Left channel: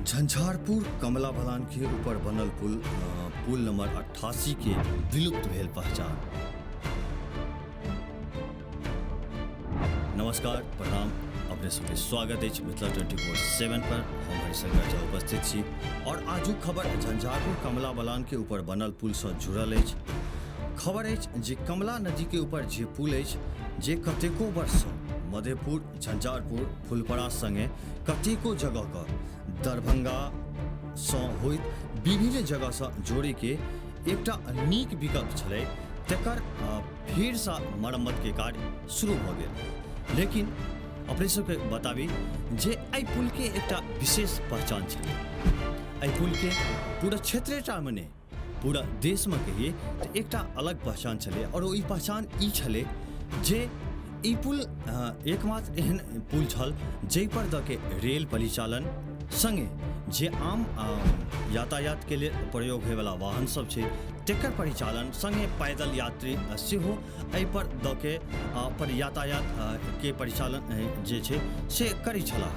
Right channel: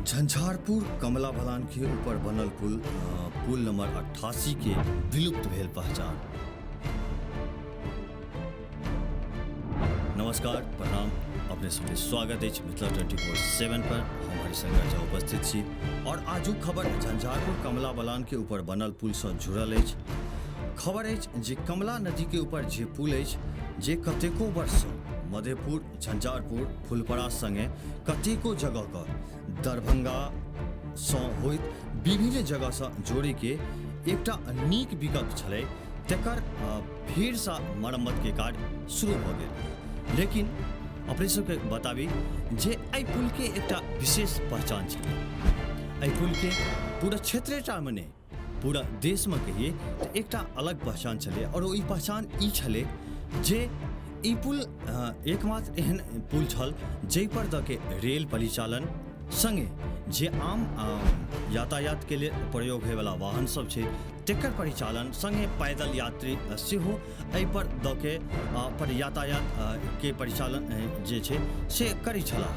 झंझारपुर कमला बलान के ऊपर बनल पुल नंबर 88 के विलुप्त भेल पहचान। नमस्कार, प्रणाम, अपने सबके स्वागत है मिथिला 24/7 पर। हम हरिशंकर झा उपस्थित छी और आजुक खबर झंझारपुर कमला बलान के ऊपर बनल पुल से जुड़ल अछि। खबर अछि जे कमला नदी के ऊपर जे पुल अछि जे कतेको वर्ष मधेपुर, झंझारपुर, फुलपरा संगे कतेको जगह के दरभंगा सँ होइत विभिन्न जगह से जोड़े के एकटा नीक विकल्प छलै, तकर फेर सँ मरम्मत के कार्य शुरू भऽ गेल। लेकिन अपने सबके बताबी जे एहि पुल के एकटा विशेष पहचान छलै। एहि पुल के पूरा क्षेत्रटामे नहि, पूरा देश में कहिए तो एकटा अलग पहचान छलै और ई पहचान ई छलै जे ई पुल एकमात्र एहन पुल छल जाहि पर द के रेल परिचालन संगे जे आम यातायात के लिए प्रयोग होयवला वाहन सब छै तकर परिचालन संगे पैदल यात्री सेहो एहि पर द के पर यातायात के परिचालन जे छै से करै छलाह।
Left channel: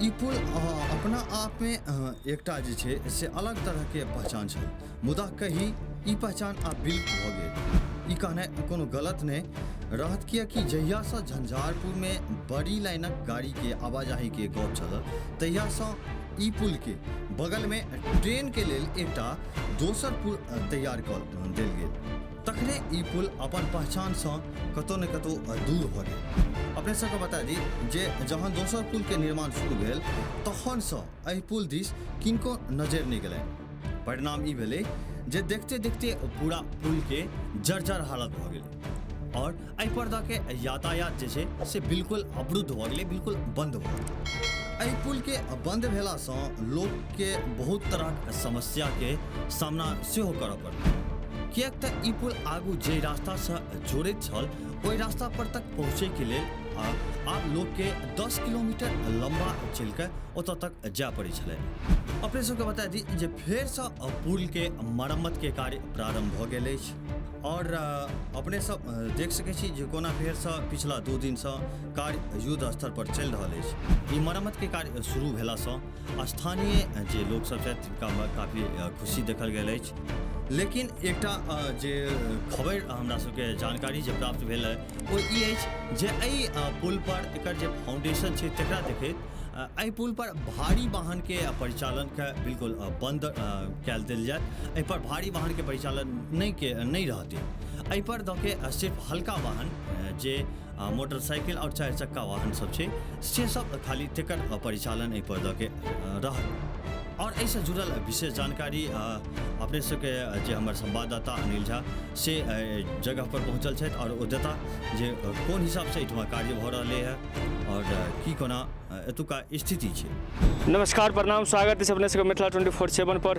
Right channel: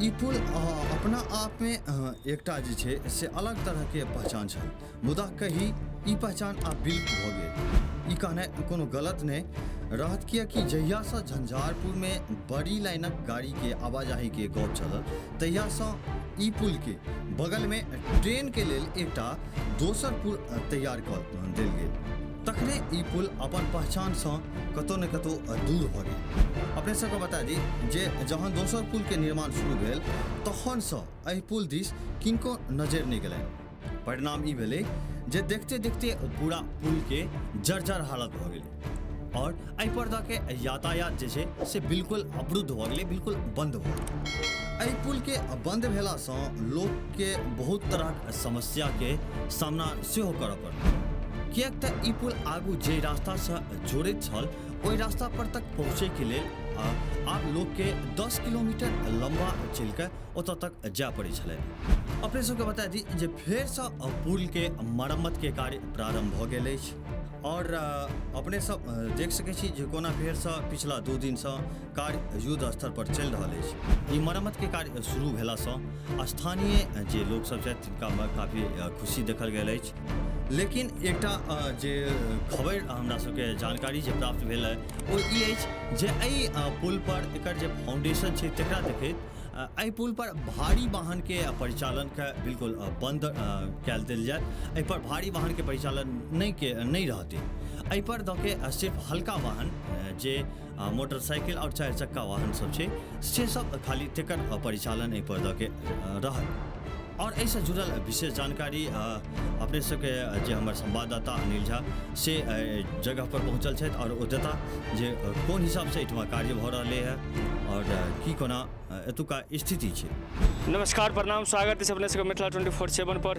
ई पुल अपना आप में एकटा जे छै से अलग तरह के पहचान छल, मुदा कही ई पहचान आब विलुप्त भऽ गेल। ई कहना कोनो गलत नहीं रहत, किएकि जहिया से झंझारपुर में बड़ी लाइनक गाड़ी के आवाजाही के गप चलल तहिया से ई पुल के बगल में ट्रेन के लेल एकटा दोसर पुल तैयार कऽ देल गेल। तखने ई पुल अपन पहचान से कतौ न कतौ दूर भऽ गेल। अपने सबके बता दी जे जहन दोसर पुल के निर्माण शुरू भेल तखन से एहि पुल दिस किनको नजर नहीं गेलनि। परिणाम ई भेलै जे देखते देखते पूरा पुल के जर्जर हालत भऽ गेलै और एहि पर द के यातायात जे छै से बिल्कुल अवरुद्ध भऽ गेलै, बिल्कुल बंद भऽ गेलै। एहि पुल के बंद भेला सँ लोक के बहुत तरह समस्या के सामना सेहो करऽ पड़ल, किएक तऽ ई पुल आगू जे रास्ता से जोड़ैत छल ओहि रास्ता पर तक पहुँचे के लेल आब लोग के 10 किलोमीटर लंबा चल के ओतऽ तक जाय पड़ै छलै। अपने सबके बता दी जे फेर से पुल के मरम्मत के कार्य प्रारंभ भऽ गेल अछि और अपने सब देख सकै छी जे कोना फेर से पिछला 2 दिन से कार्य युद्ध स्तर पर चलि रहल अछि। ई मरम्मत के कार्य शुरू भेला सँ स्थानीय जे लोक सब छथि तिनका काफी खुशी देखल गेल अछि। लेकिन एकटा जे खबर हमरा सबके जानकारी जे प्राप्त भेल है ओ ई अछि जे एहि पुल पर एकर जे फाउंडेशन छै तकरा देखैत एहि पुल पर भारी वाहन के परिचालन के बिल्कुल बंद कयल देल जायत। एहि पर भारी वाहन के परिचालन नहीं रहते। एहि पर द के सिर्फ हल्का वाहन जे मोटरसाइकिल और 4 चक्का वाहन सब छै से सब खाली तकर परिचालन एहि पर द के रहत। और ऐसे जुड़ल विशेष जानकारी अपने सबके जे हमर संवाददाता अनिल झा से जगह पर पहुँचल छथि और ओ देता जे कोन हिसाब से एहिठमा कार्य भऽ रहलै है और की कोना एतुका स्थिति छै। नमस्कार, प्रणाम, स्वागत है अपने सबके मिथिला 24/7 पर।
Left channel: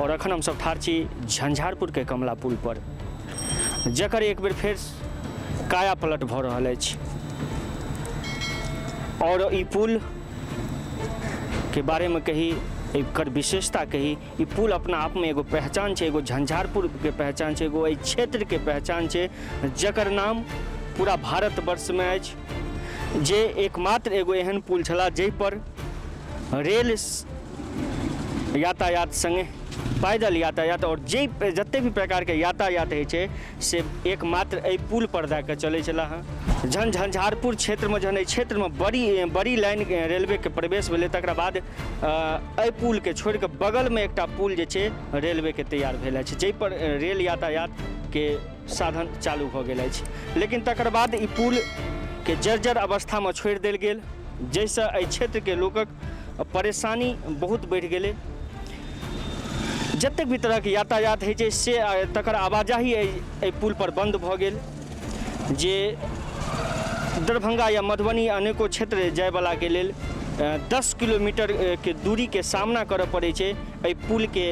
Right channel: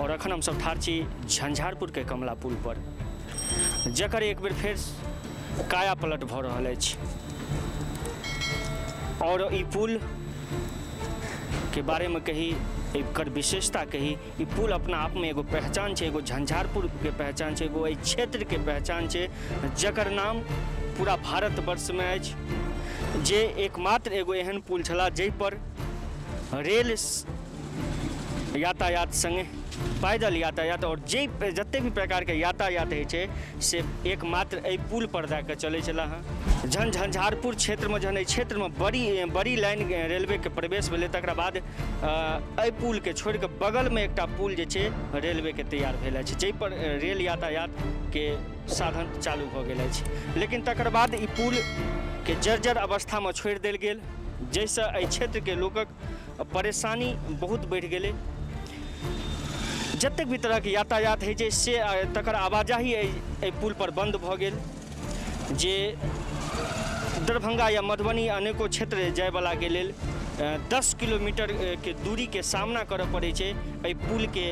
और अखन हम सब ठाढ़ छी झंझारपुर के कमला पुल पर, जकर एक बेर फेर काया पलट भऽ रहल अछि। और ई पुल के बारे में कही, एकर विशेषता कही, ई पुल अपना आप में एगो पहचान छै, एगो झंझारपुर के पहचान छै, एगो एहि क्षेत्र के पहचान छै जकर नाम पूरा भारत वर्ष में अछि। जे एकमात्र एगो एहन पुल छला जाहि पर रेल यातायात संगे पैदल यातायात और जते भी प्रकार के यातायात होइ छै से एकमात्र एहि पुल पर दऽ कऽ चलै छला हँ। झंझारपुर क्षेत्र में जहन एहि क्षेत्र में बड़ी लाइन रेलवे के प्रवेश भेलै तकरा बाद एहि पुल के छोड़ के बगल में एकटा पुल जे छै रेलवे के तैयार केलक जाहि पर रेल यातायात के साधन चालू भऽ गेल अछि। लेकिन तकर बाद ई पुल जर्जर अवस्था में छोड़ि देल गेल, जाहिसँ एहि क्षेत्र के लोकक परेशानी बहुत बढ़ि गेलै। जतेक भी तरह के यातायात होइ छै से तकर आवाजाही एहि पुल पर बंद भऽ गेल, जे दरभंगा या मधुबनी अनेको क्षेत्र जायवला के लेल 10 किलोमीटर के दूरी के सामना करऽ पड़ै छै। एहि पुल के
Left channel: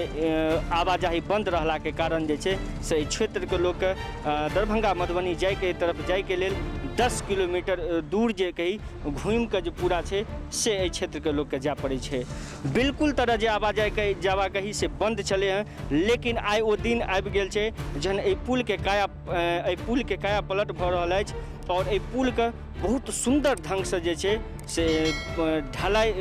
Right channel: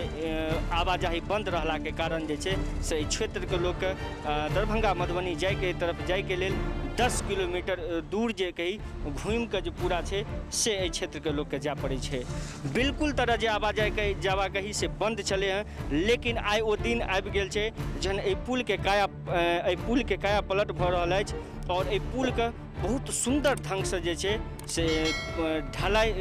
आवाजाही बंद रहला के कारण जे छै से क्षेत्र के लोक दरभंगा मधुबनी जायके तरफ जायके लेल 10 किलोमीटर दूर जे कही घूमि कऽ जे पूरा छै से एहि क्षेत्र के लोक के जाय पड़ै छै। बिल्कुल तरह जे आवाजाही के जावागही से बंद चले हैं, लेकिन आइ ओ दिन आबि गेल छै जहन एहि पुल के और एहि पुल के बहुत सुंदर ढंग से जे छै से ढलाइ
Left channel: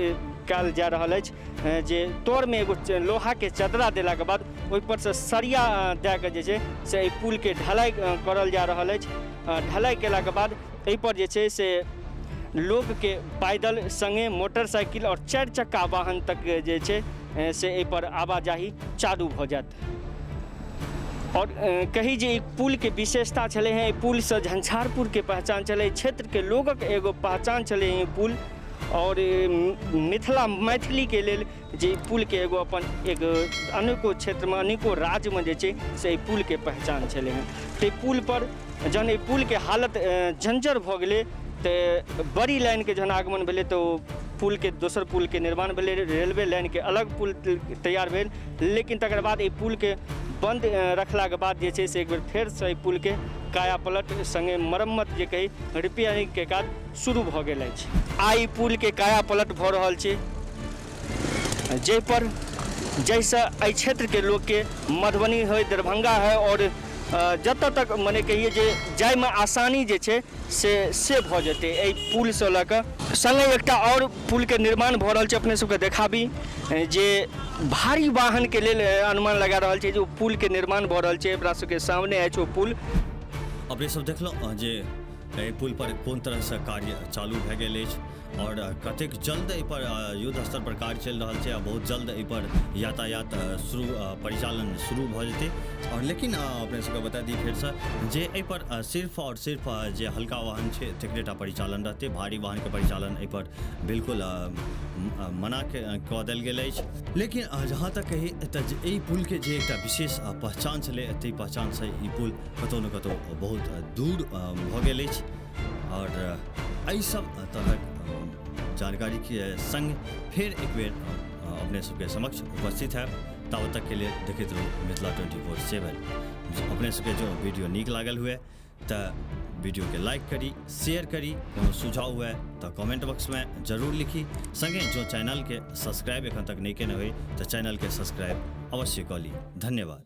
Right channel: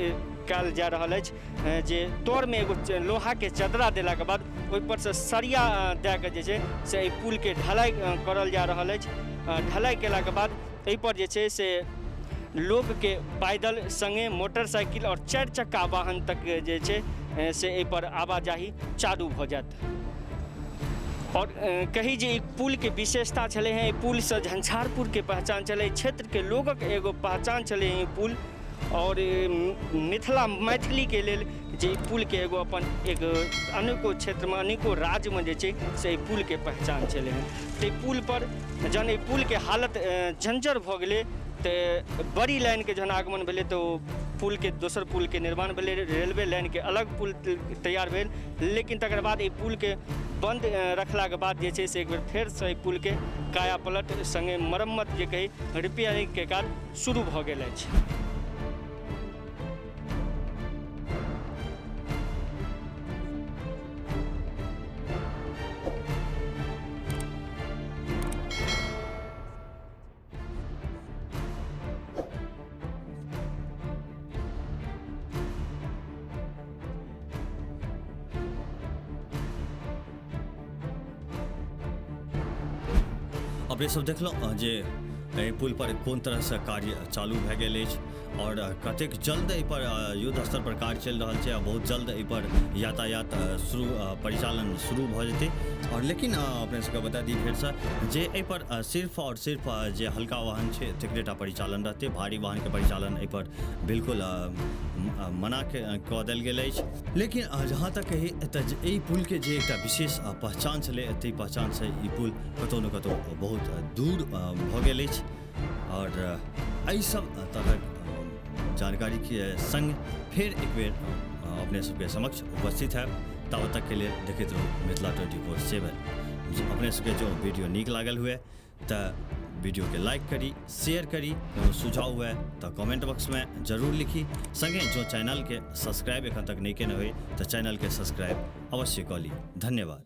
जा रहा है जे तोड़ में लोहा के चदरा देला के बाद ओहि पर से सरिया दे के जे छै से पुल के ढलाई करल जा रहा है। ढलाई केला के बाद एहि पर जे छै से लोग पैदल संगे मोटरसाइकिल और 4 चक्का वाहन तक जे छै से एहि पर आवाजाही चालू भ गेल। और कही जे पुल के विशेषता चले हैं, पुल से झंझारपुर के पहचान चले, क्षेत्र के लोगक एगो पहचान चले हैं पुल। और मिथिला मैथिली के लिए जे पुल के एगो अपन एक अनेको क्षेत्र में अनेको राज्य में जे छै से पुल के पहचान चले। ते पुल पर जहन पुल के हालत जंजर भ गेलै ते बड़ी लाइन के जहन आगमन भेलै तो पुल के दोसर पुल के निर्माण भेलै, रेलवे लाइन के अलग पुल तैयार भेल। लेकिन तकर बाद ई पुल के बंद रखला के बाद जे छै से फेर से पुल के काया पलट संगे मरम्मत जे कही रिपेयरिंग के काज शुरू भ गेलै। आई पुल के काया पलट भ रहल छै, जे पर जैसा एहि क्षेत्र के लोग के मधुबनी है, दरभंगा है और जतऽ तक मने कहिए जे जाइमे आसानी जे छै से भऽ जेतै एहि पुल से लऽ कऽ। संगे एकटा और पुल के निर्माण भऽ रहल छै, अपने सबके देखाबी जे भारी वाहन के लेल अनुमान लगा रहल छै जे पुल के निर्माण भऽ रहल छै। अपना सबके सामने अछि ओ पुल। अपने सब देखलहुँ जे एहि पुल पर कोन तरह से कार्य चालू भए गेल अछि और कतेक जल्द एहि पर युद्ध स्तर पर कार्य चलि रहल छै। बहुत जल्द एहि पर यातायात परिचालन शुरू भऽ जेतै। और लेकिन अपने सबके बता दी फेर से जे एहि पर सिर्फ और सिर्फ जे हल्का वाहन छै तकरेटा परिचालन रहतै, भारी वाहन के परिचालन एहि पर बिल्कुल मना कऽ देल गेल अछि। लेकिन जहाँ तक कही तऽ एहि पुल के जे एकटा विशेष पहचान छलै, ताहि पहचान से ई पुल कतौ न कतौ बहुत दूर भऽ गेल अछि। और एहि सब तरहक जानकारी के संग फिर एक बेर अपने सबके समक्ष उपस्थित है। तब तक के लिए देखते रहू मिथिला 24/7। अपने सबके जो वीडियो नीक लागल हुए तो वीडियो के लाइक करी, शेयर करी, कोनो सुझाव हुए तो कमेंट बॉक्स में जरूर लिखी। संगे जो चैनल के सब्सक्राइब एखन तक नहीं केने हुए तो चैनल के सब्सक्राइब अवश्य कर ली। धन्यवाद।